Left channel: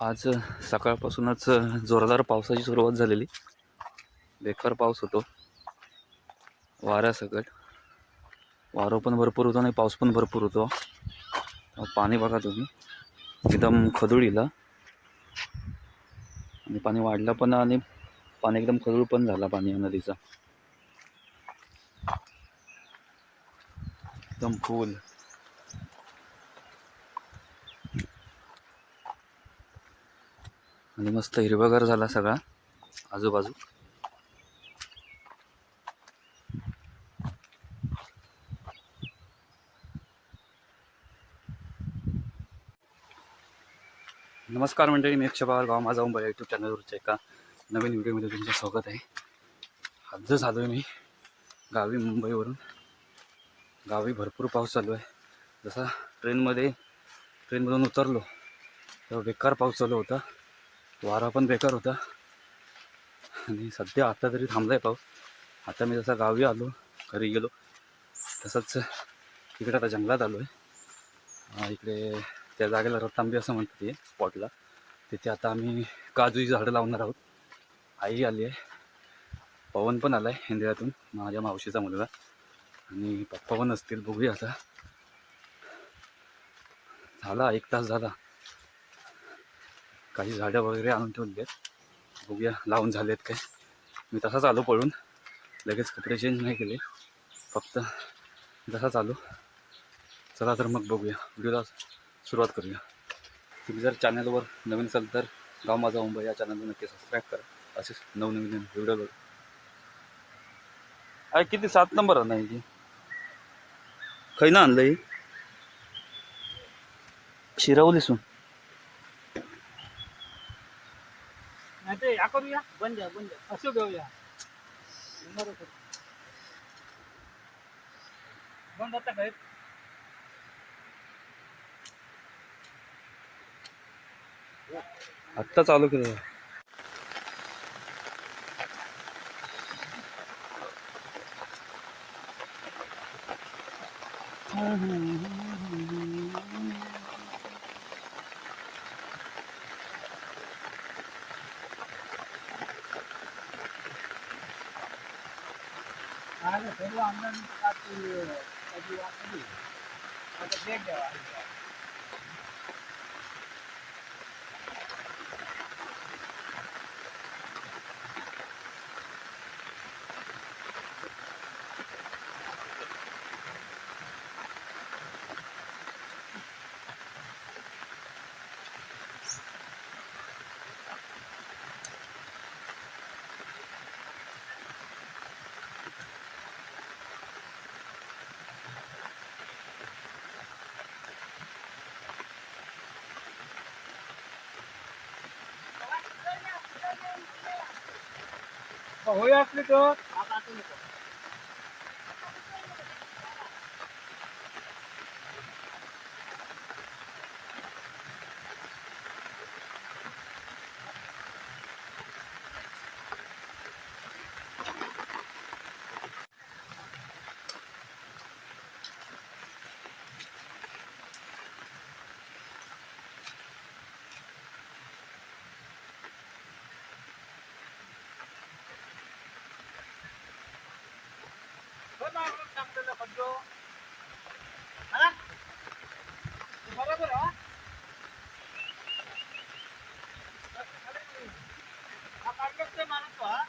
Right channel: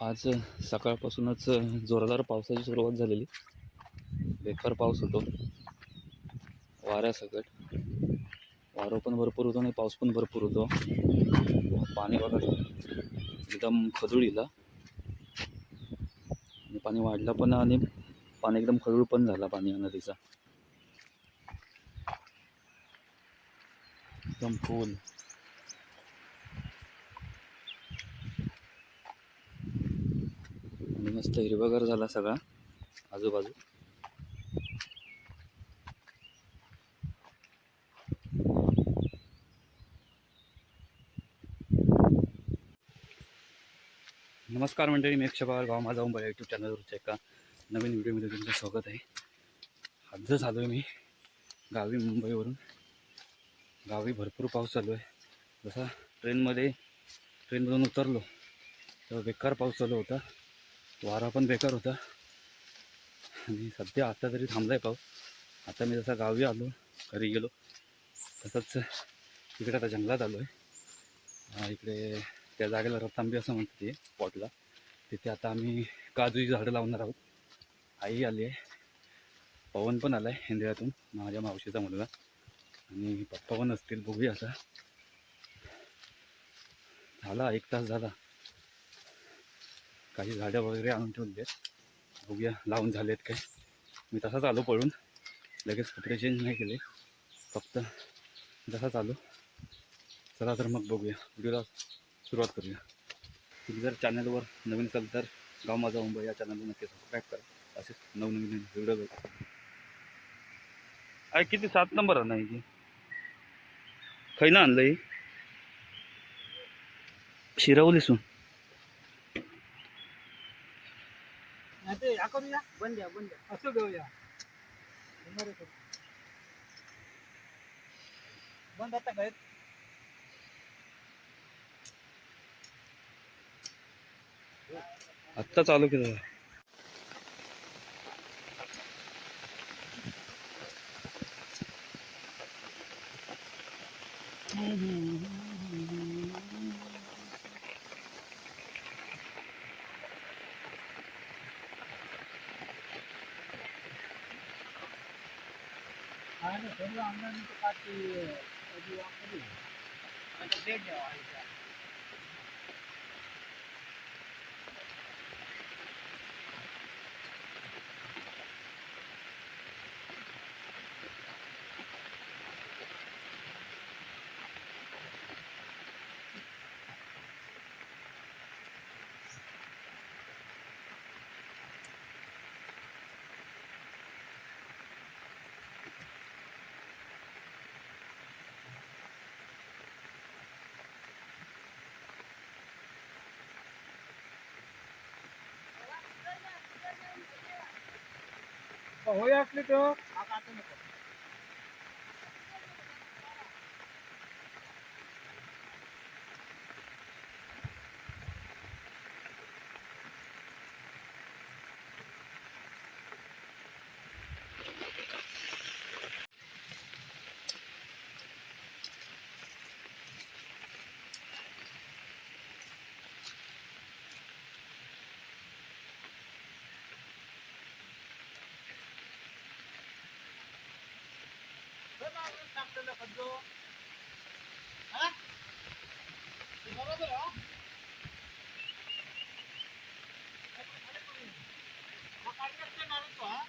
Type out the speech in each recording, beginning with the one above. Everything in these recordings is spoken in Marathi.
आज सकाळपासूनच जोरदार पावसाची सुरुवात झालेली. बेकार पाऊस होतो. वाऱ्यासकट वारं पण भरपूर होतं आणि पाऊस पण भरपूर होतो. पाणी बघा तुम्ही. एकदम खदुळीला. आणि पाणी वाढलं पण आणि पाणी एकदम खदूळ पण झाला पाणी या नदीचा. एकदम फुल आणि मस्त हिरवागार झाला सगळा आजूबाजू. नमस्कार मंडळी मी अक्षय पवार गाव माझा मुंबई यूट्यूब चॅनलवरच्या एका नवीन व्हिडिओमध्ये तुमचं स्वागत आहे. आज झालो आहे मी गावी मुंबईवरून. गावी भरपूर पाऊस चालू आहे. जसा ट्रेनमध्ये ट्रेनमधून उतरलो तेव्हा बेकार पाऊस चालू होता. वारा पण बेकार होता. आणि सध्या आता तरी थांबला आहे पाऊस. आता मी जसा गावी आलो घरी गेलो तसंच इकडे आता जंगलात आलो आहे इकडे त्या जागेला रतांबी असं म्हणते ते स्पॉटला तिथे आता आम्ही काजूची झाडं लावणार आहोत. आई आली आहे. पवन पण आला आहे हिंदळ्यातून माझ्या मावशीचा मुलगा. आणि पप्पा पण असतील बघूया आता. झाला एक तास झाला. काही झाडं वगैरे आणून ठेवली आहेत. बघूया लावून झालेत काय. मी तसाच आलो पळून. लगेच कपडे चेंज नाही केले. फक्त जसाच आलो. चला तर मग बघूया. व्हिडिओला सुरुवात करूया. तुम्ही जर चॅनलवर नवीन असाल तर गाव माझा मुंबई या चॅनलला नक्की सबस्क्राईब करा. असेच नवनवीन व्हिडिओ बघा. आहे किती सात नंबर नाही की खैना आणलं शिरावलीसून. नाही ते या करूया बंद बंद असं घेऊया. बंद आता काय आत्ता चालू केलं. आलं सर्व अंगण કાલે ફેરવા અંદર કાચી બ્રેડ લેવાની होय असले तर आता आठवू नको बरोबर हा हा काढलं ते माणूस पहा.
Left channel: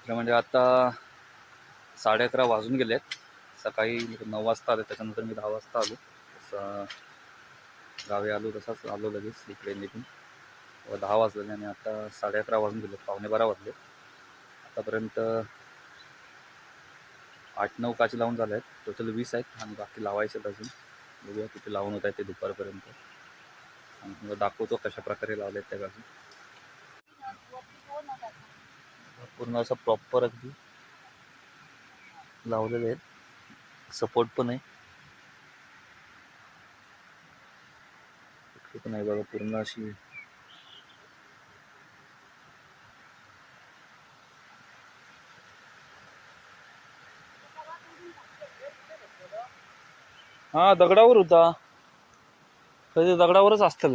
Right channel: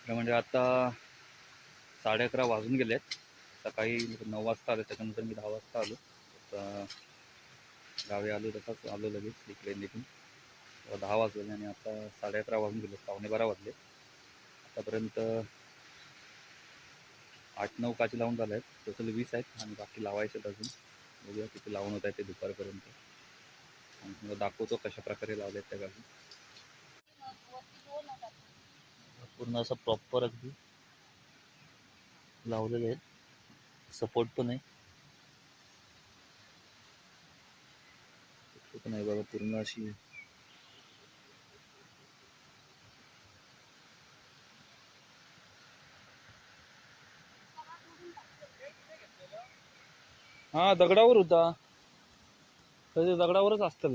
तर म्हणजे आता साडे अकरा वाजून गेलेत. सकाळी नऊ वाजता आले त्याच्यानंतर मी दहा वाजता आलो तसं गावी आलो तसाच आलो लगेच इकडे निघून. दहा वाजले आणि आता साडे अकरा वाजून गेले पावणे बारा वाजले. आतापर्यंत आठ नऊ काचे लावून झाले आहेत टोटल वीस आहेत आणि बाकी लावायचे आहेत अजून. बघूया किती लावून होत आहे ते दुपारपर्यंत. आणि तुम्हाला दाखवतो कशा प्रकारे लावले आहेत त्या गावी. पूर्ण असं प्रॉपर अगदी लावलेलं आहे सपोर्ट पण आहे. पण आहे बघा पूर्ण अशी. हा दगडावर होता. कधी दगडावरच असतं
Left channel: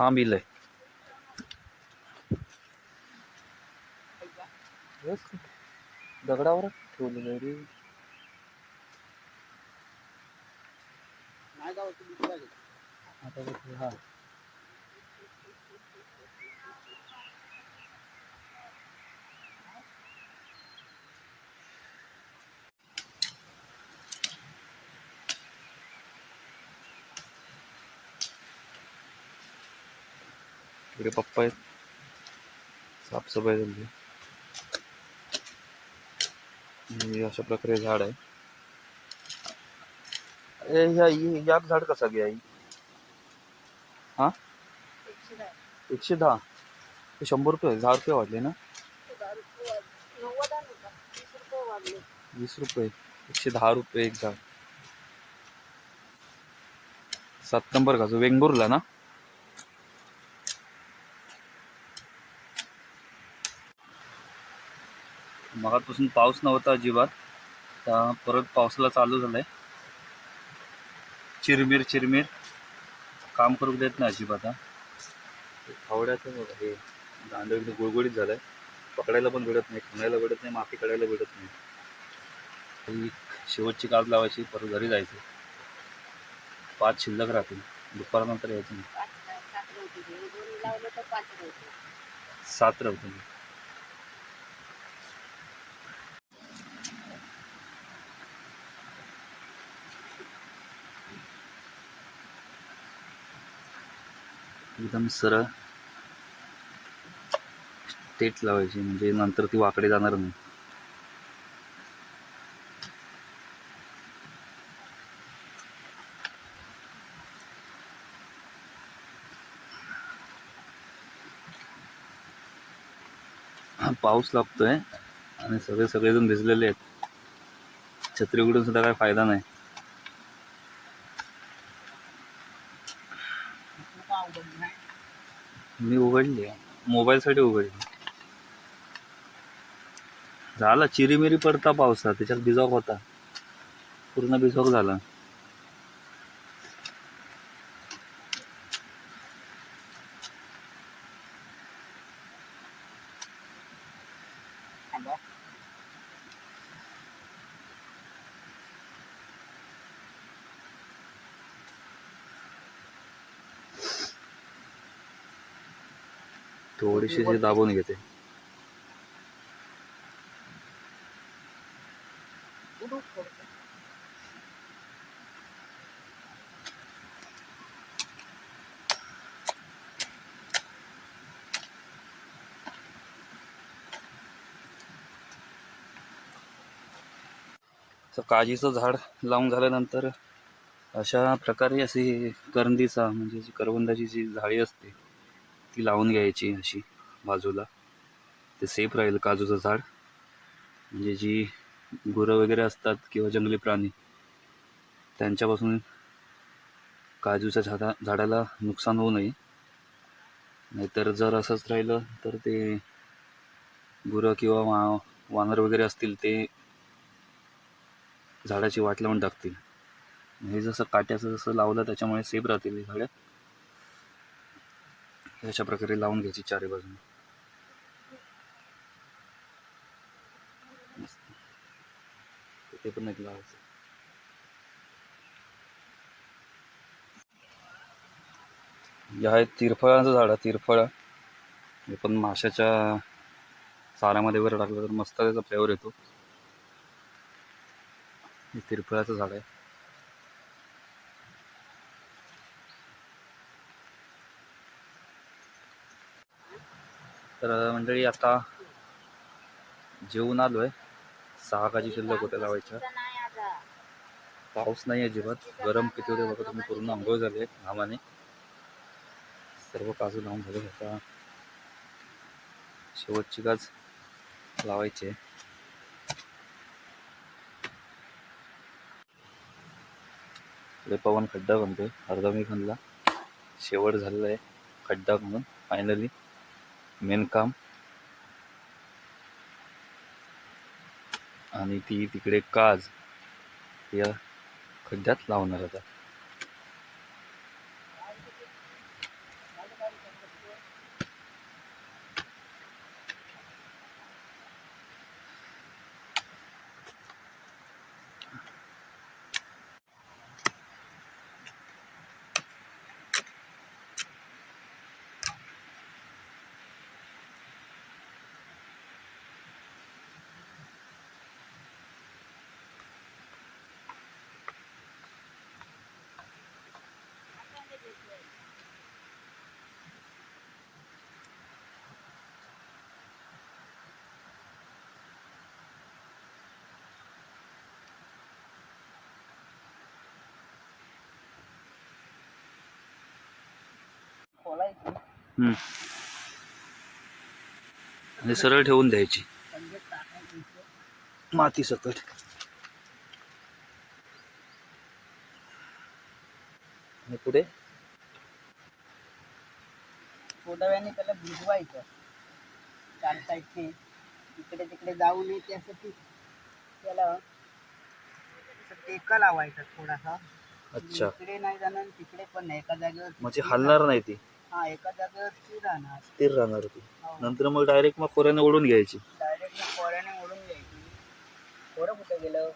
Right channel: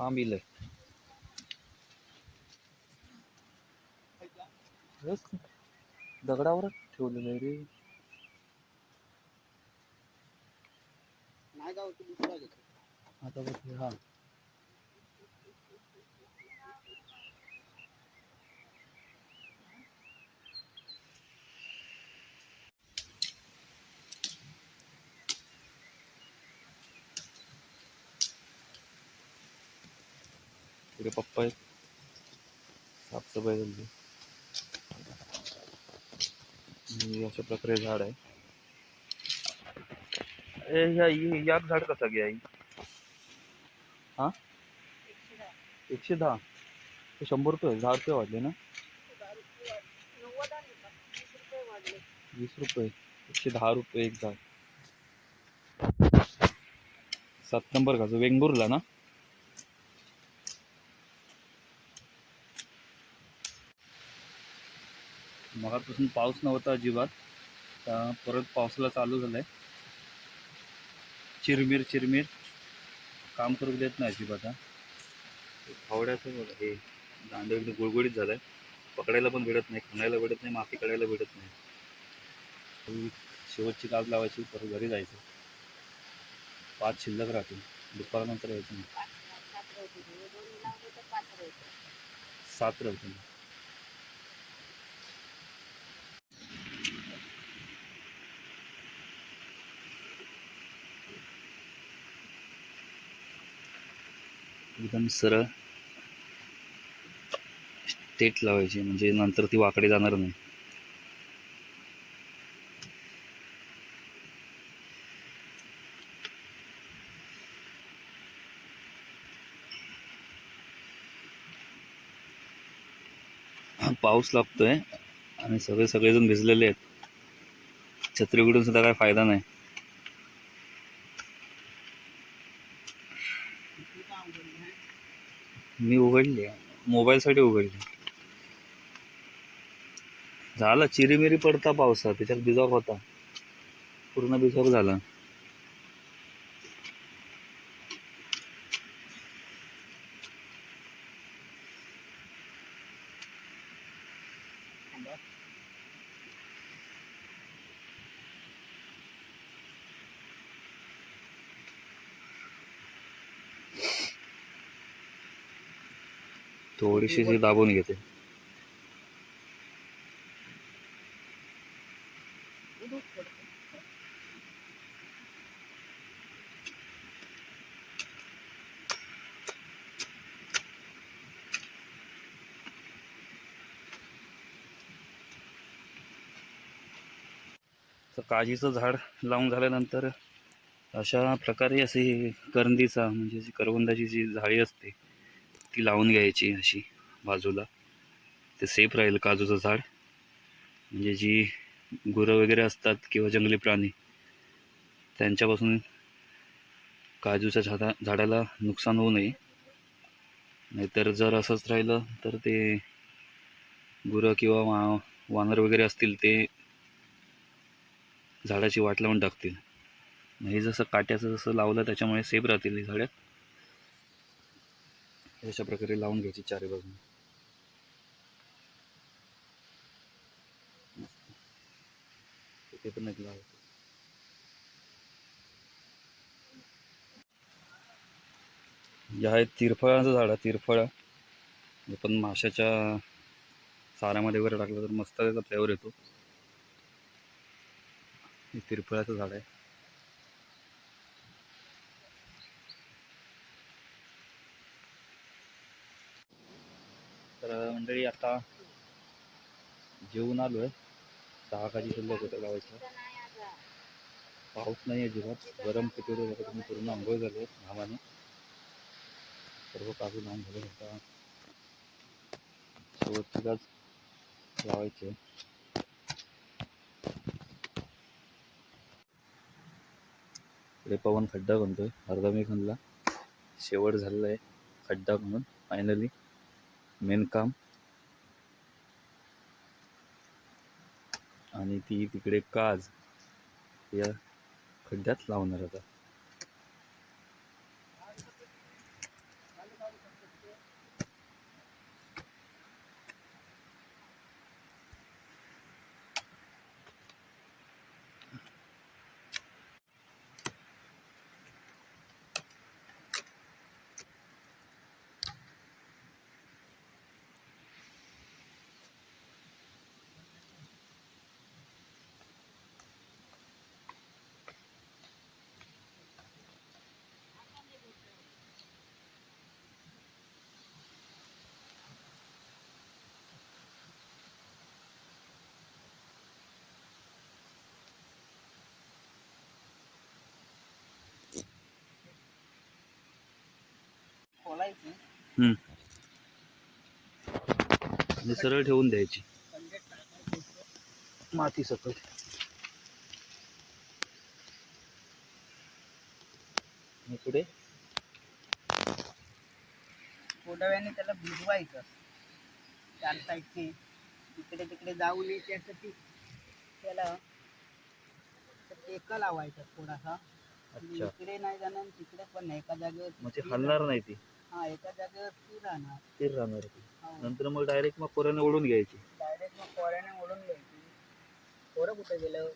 थांब इलय दगडावर ठेवलेलं रे आता हा. इकडे पप्पा आहेत. साफसफाई झाली. अशा प्रकारे झाड आहे. ए ह्या हि- याक झाड कसा घ्या आई? हा? एकशे दहा. शंभर रुपये दहा रुपये वाढले ना? वीस रुपये. एकशे दहा रुपये एक झाड. सात नंबर का? जो ना? मगापासून पाऊस नव्हता अजिबात. आता परत पावसाला चालू झालाय. चिरमिर चिरमिर. काम करू देत नाही अजिबात हा. फावड्याचं हे दांडं गुळगुळीत झालाय. पकडायला पण भेटत नाही खाण्याला भेटत नाही माती काढायला भेटत नाही. शेवटची काज लावायची परत घरी जायचं. पाच शिल्लक राहतील दुपारनंतर यायचं नाही. सात राहतील एकदम सरळ स्टेट लावायची म्हणजे नंतर ती वाकडे जाणार नाही. पाऊस लागतोय आणि सगळे सगळेजण भिजलेले आहेत. छत्री उघडून सुद्धा काय फायदा नाही. मी उघडली. मोबाईलसाठी उघडली. झाला चिरीमिरी पडता पावसा त्याच्यात भिजावक होता. पूर्ण भिजावक झाला. थोडीशी जी दाबून घेते. काजीचं झाड लावून झाल्यानंतर अशा प्रकारे असे करंदीचा म्हणजे जी करवंदाची जी झाडी असते ती लावून घ्यायची अशी बाजूला. ते सेफ राहील काजूचं झाड. म्हणजे जी गुरं वगैरे असतात किंवा जंगली प्राणी त्यांच्यापासून काजूच्या झाडा झाडाला नुकसान होऊ नये. नाहीतर जर असंच राहिलं तर ते गुरं किंवा वा वानर वगैरे असतील ते झाडाची वाट लावून टाकतील. हे जसं काट्याचं जसं लावलं त्याच्यामुळे सेफ राहतील ही झाडं अशा प्रकारे लावून घ्यायची चारी बाजूने. ते पण एक लावायचं. या एक तिरफळाचं झाड आहे तिरफळ. हे पण माशाच्या सारामध्ये वगैरे टाकलं तर मस्त त्याचा फ्लेवर येतो. हे तिरफळाचं झाड आहे. तर मंडळी आता जेवून आलोय. सहा काजी शिल्लक होत्या लावायच्या. पाऊस नाही अजिबात. गरम किती होते बघा तुम्ही पूर्ण आंघोळ झाले घामाने. सर्व काजू लावून झाले आता. शेवटची काज लावायची आहे. पवन खड्डा बनतोय. अर्धा मी खणला. शेवट झालेला आहे खड्डा म्हणून फायनली मेन काम आणि ती तिकडे काज या खड्ड्यात लावणार आता. आणि सरळ ठेवून द्यायची. माती सकट. आणि पुढे? थोड्या त्याला भिजवायचं. चार साईडचे. इकडे तिकडे जाऊ नये त्यासाठी त्याला टेका लावायचा थोडासा. अच्छा. इकडे नाही जाणार तिकडे पण नाही. एका जागेवर म्हणजे हलणार नाही ती. हा एका जागेवर स्थिर राहणार. स्थिर राहणार ती. हो. नंतर मग डायरेक्ट मग खोऱ्याने ओढून घ्यायची. डायरेक्ट पोऱ्याने ओढून घ्यायची. पोरं कुठे गेलं?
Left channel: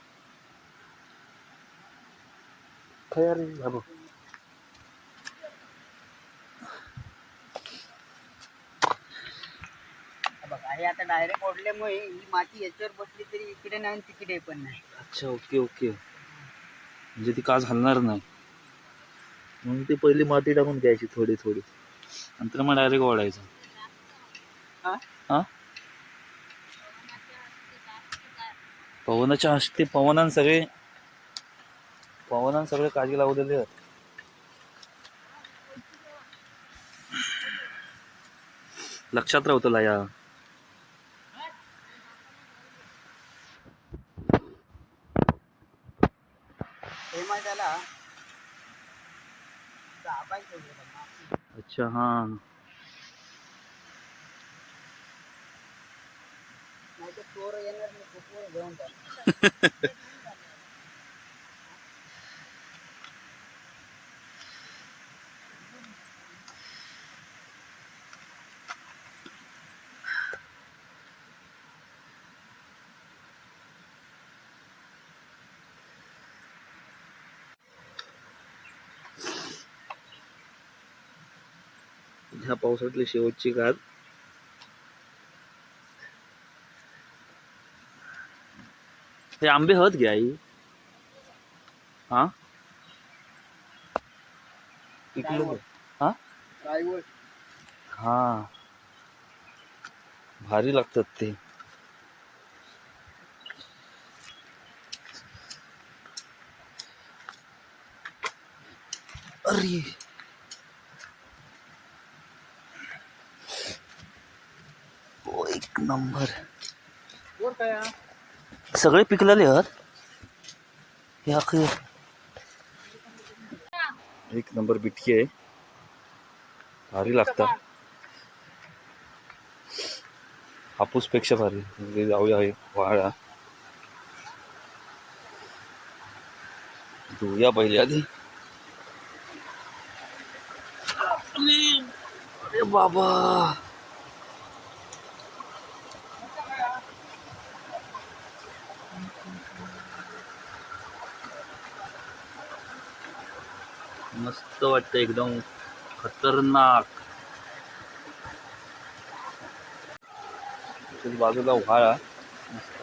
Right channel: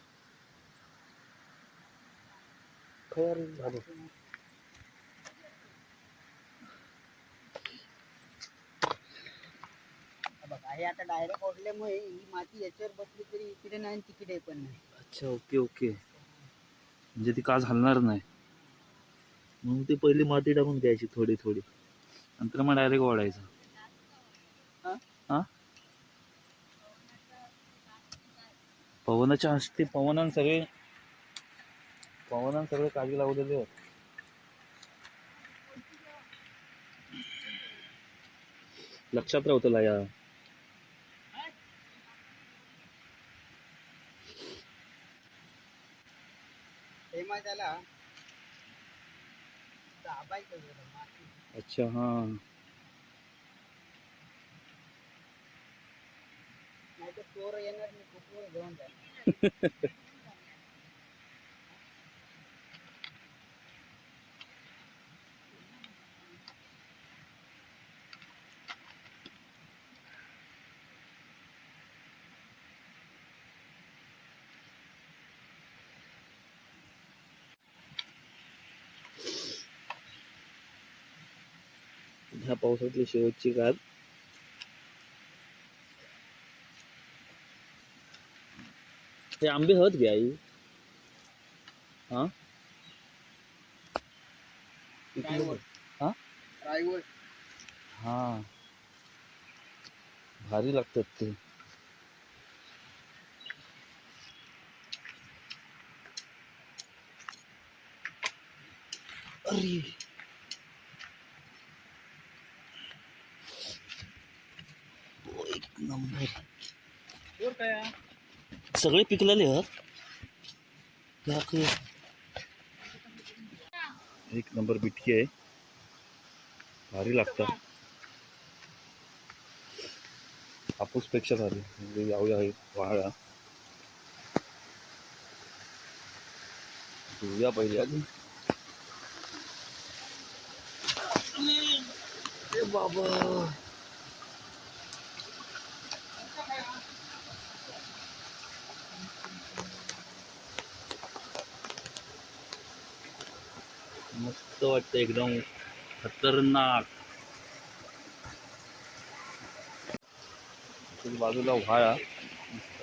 हा बघ. आणि आता डायरेक्ट ओढल्यामुळे ही माती याच्यावर बसली तरी इकडे नाही आणि तिकडे पण नाही. अच्छा ओके ओके. म्हणजे ती काज हलणार नाही. म्हणून ती पहिली माती टाकून घ्यायची थोडी थोडी. नंतर मग डायरेक्ट ओढायचं हा? पवनाच्या हस्ते पवनान सगळे पवनान सगळे काळजी लावलेले आहेत लक्षात राहतो तुला या. तेव्हा त्याला दाबायचं त्याला. अच्छा हां. चोर येणार नाही घेऊन ह्या पावसातली शेवटची गाज. हे आंबे हत घ्या आई. हा? हा? हा. भारी लागतात ते. अरे! नंबर? सगळे पिकलेले आहेत? हे अखे एक नंबर बिटकी आहे. भारी हापूस पेक्षा भारी. जाऊया हे वाळा धुया पहिले आधी. बाबा! मस्त वाटतं एकदम. खतरनाक. इथे बाजूला व्हाळा मस्त.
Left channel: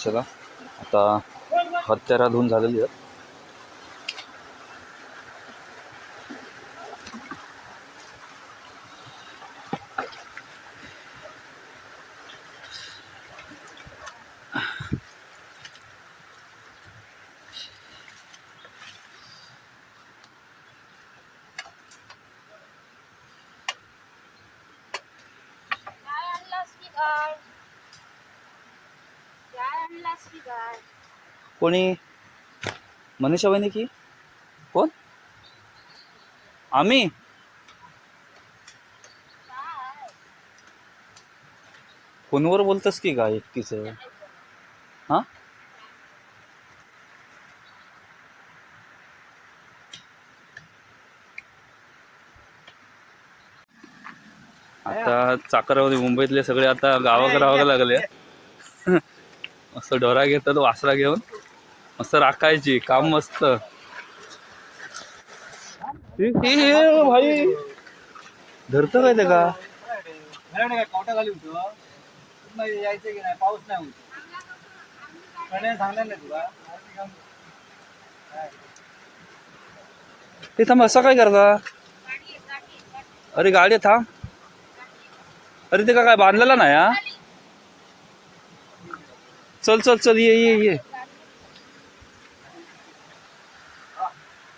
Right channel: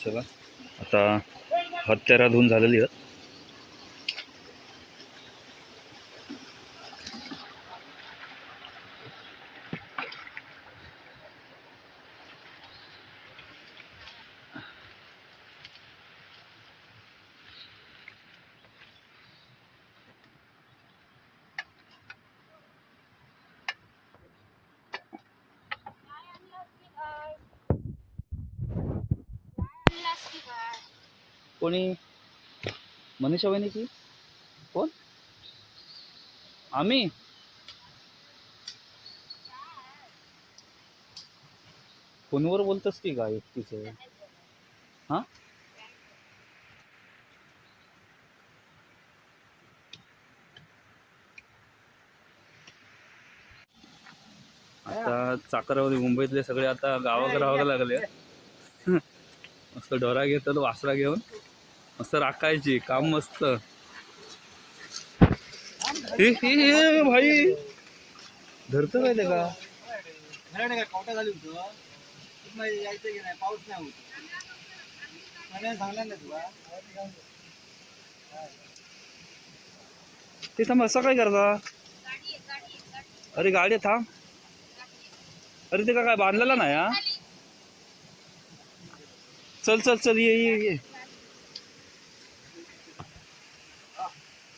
चला. आता हत्यारा धुवून झालेली आहेत कोणी? मनीषा वहिनी की? कोण? आम्ही? फोनवर बोलतस की काय एकटीच? हा? आता चाकरामध्ये मुंबईतले सगळे आता गावाकडे राहावं लागले. मस्त डोरा घेतात वासरा घेऊन. मस्त राखायची काम मस्त. हे- हे- हे भाई. धरत काय ते का? घराने काय कवटा झाली होतं. पुन्हा यायचं की नाही पाऊस नाही होतो. गण्याने सांगणार नाही तुला. आम्ही काम- ते थांब असं काय करता? अरे गाडी आहे, थांब. अरे ते का काय बांधलेला नाही हा. चल चल चल ये ये ये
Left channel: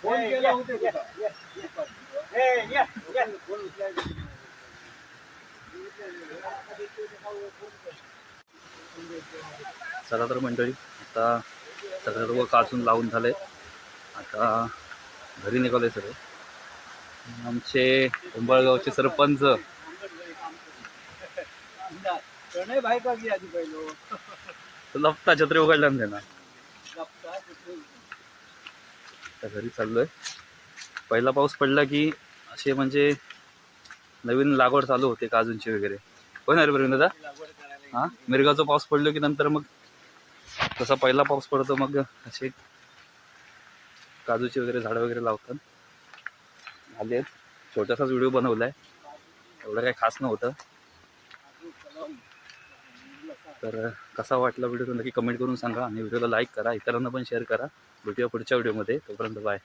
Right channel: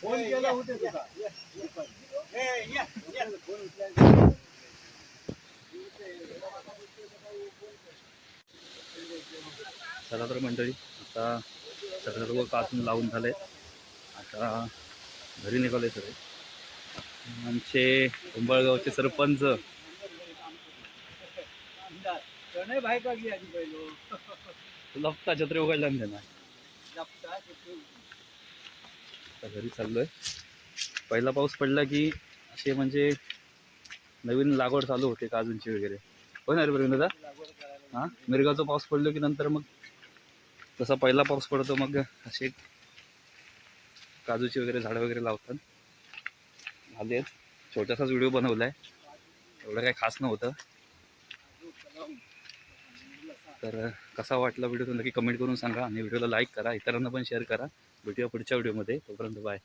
फोन केला होता तुला. ये, ये, ये. ए, ये, ये. फोन उचलायचा. चला तर मंडळी आता सर्व काचून लावून झाले आता घरी निघाले सगळं. आमचे उंबळगावचे सरपंच. लपता छत्री उघडल्या ना आता घरी चाललोय. पहिला पाऊस पडला की असे म्हणजे नवीन लागवड चालू होते काजूंची वगैरे. हो ना रे प्रवीण दादा? हा? मिरगाचा पाऊस पडलो की नंतर मग जसा पहिला पाऊस पडतो मग असे काजूची वगैरे झाडं वगैरे लावतात. आले. छोटासाच व्हिडिओ बनवलाय. एवढं काही खास नव्हतं. तर कसा वाटला व्हिडिओ नक्की कमेंट करून सांगा आणि व्हिडिओला लाईक करा इतरांना पण शेअर करा. भेटूया पुढच्या व्हिडिओमध्ये. तोपर्यंत बाय.